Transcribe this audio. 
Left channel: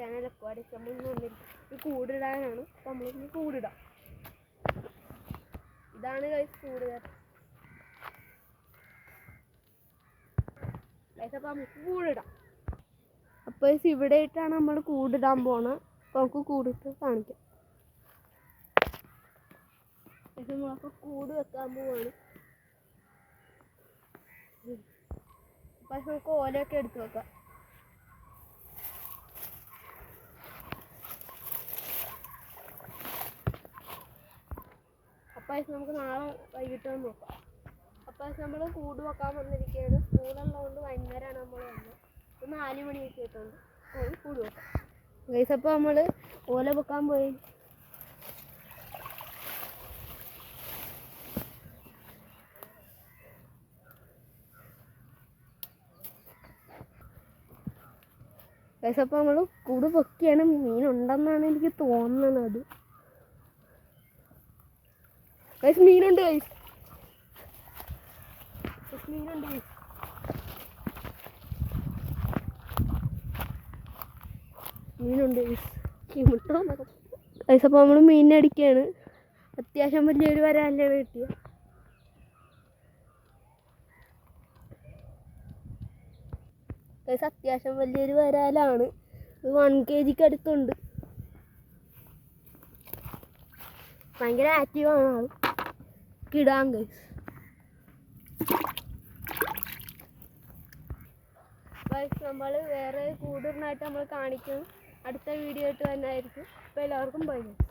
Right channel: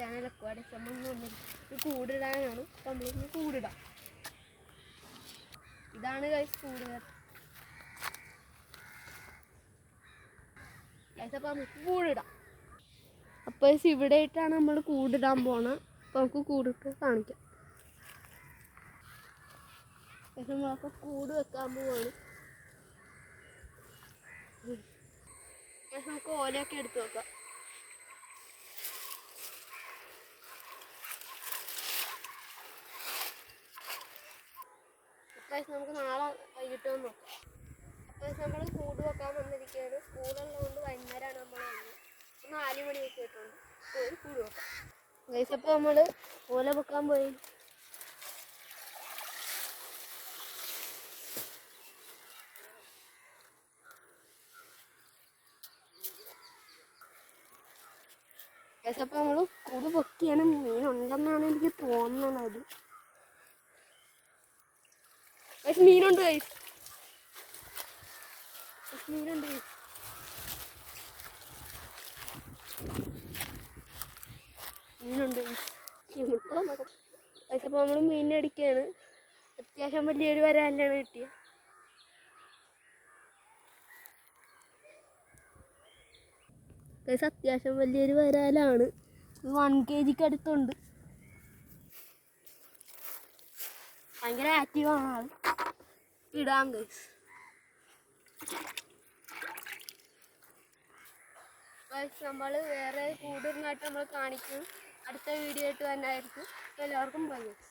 Channel aquarium നമ്മൾ വന്നിട്ട് കൂടിടാനാണ്. അപ്പം നമ്മളിന്ന് കൂടിടാം. ഇതാണ് ഗൈസ് കൂട് കേട്ടോ. ഗൈസ് അപ്പം നമുക്ക് കൂടിടാം. അപ്പോൾ ഇവിടെ ആയിട്ടാണ് നമ്മൾ കൂടിടാൻ പോണത്. അപ്പോൾ നമുക്ക് കൂടിട്ട് കാണിക്കാം. നമ്മളപ്പോൾ കൂട് വെക്കാൻ പോവാണ്. അപ്പം നമുക്ക് ഓലയൊക്കെ എടുത്ത് വെക്കാം. അപ്പം നമുക്ക് നാളെ വൈകിട്ട് വന്ന് നോക്കാം. അപ്പം നമ്മൾ കൂട് വെക്കാൻ വന്നിരിക്കുകയാണ്. സ്കൂളുള്ളതുകൊണ്ട് വൈകുന്നേരമാണ് നമ്മൾ വന്നത്. 4 മണിയൊക്കെ ആയിട്ടുണ്ട്. പോയി കൂട് വെക്കാം. ഗൈസ് അപ്പോൾ നമ്മൾ ഓല വെക്കാൻ പോയി. ഗൈസ് അപ്പോൾ നമ്മൾ കൂട് പൊക്കിയാണ്. മീനുണ്ടെന്നാണ് എനിക്ക് തോന്നുന്നത്. ഗൈസ് മീനുണ്ട്. ഗൈസ് മീനുണ്ട്. മീനുണ്ട്. ഗൈസ് അപ്പോൾ നമ്മൾ മീനിനെ അടിക്കുകയാണ്. അത്യാവശ്യം വലിയൊരു വരാലാണ് കിട്ടിയത്. ഗൈസ് അത്യാവശ്യം വലിയൊരു വരാലാണ്. 1 kg അടുത്തുണ്ട്. ഭയങ്കര ആക്റ്റീവാണ് ആൾ. കിടാം ഗൈസ്. ഗൈസ് നമ്മൾ വേറെ കൂടിനായിട്ട് നമ്മൾ കാണിക്കും. അടുത്ത വീഡിയോ ആയിട്ട് തന്നെ ആയിരിക്കും. അപ്പോൾ എല്ലാവർക്കും ബൈ ഗൈസ്.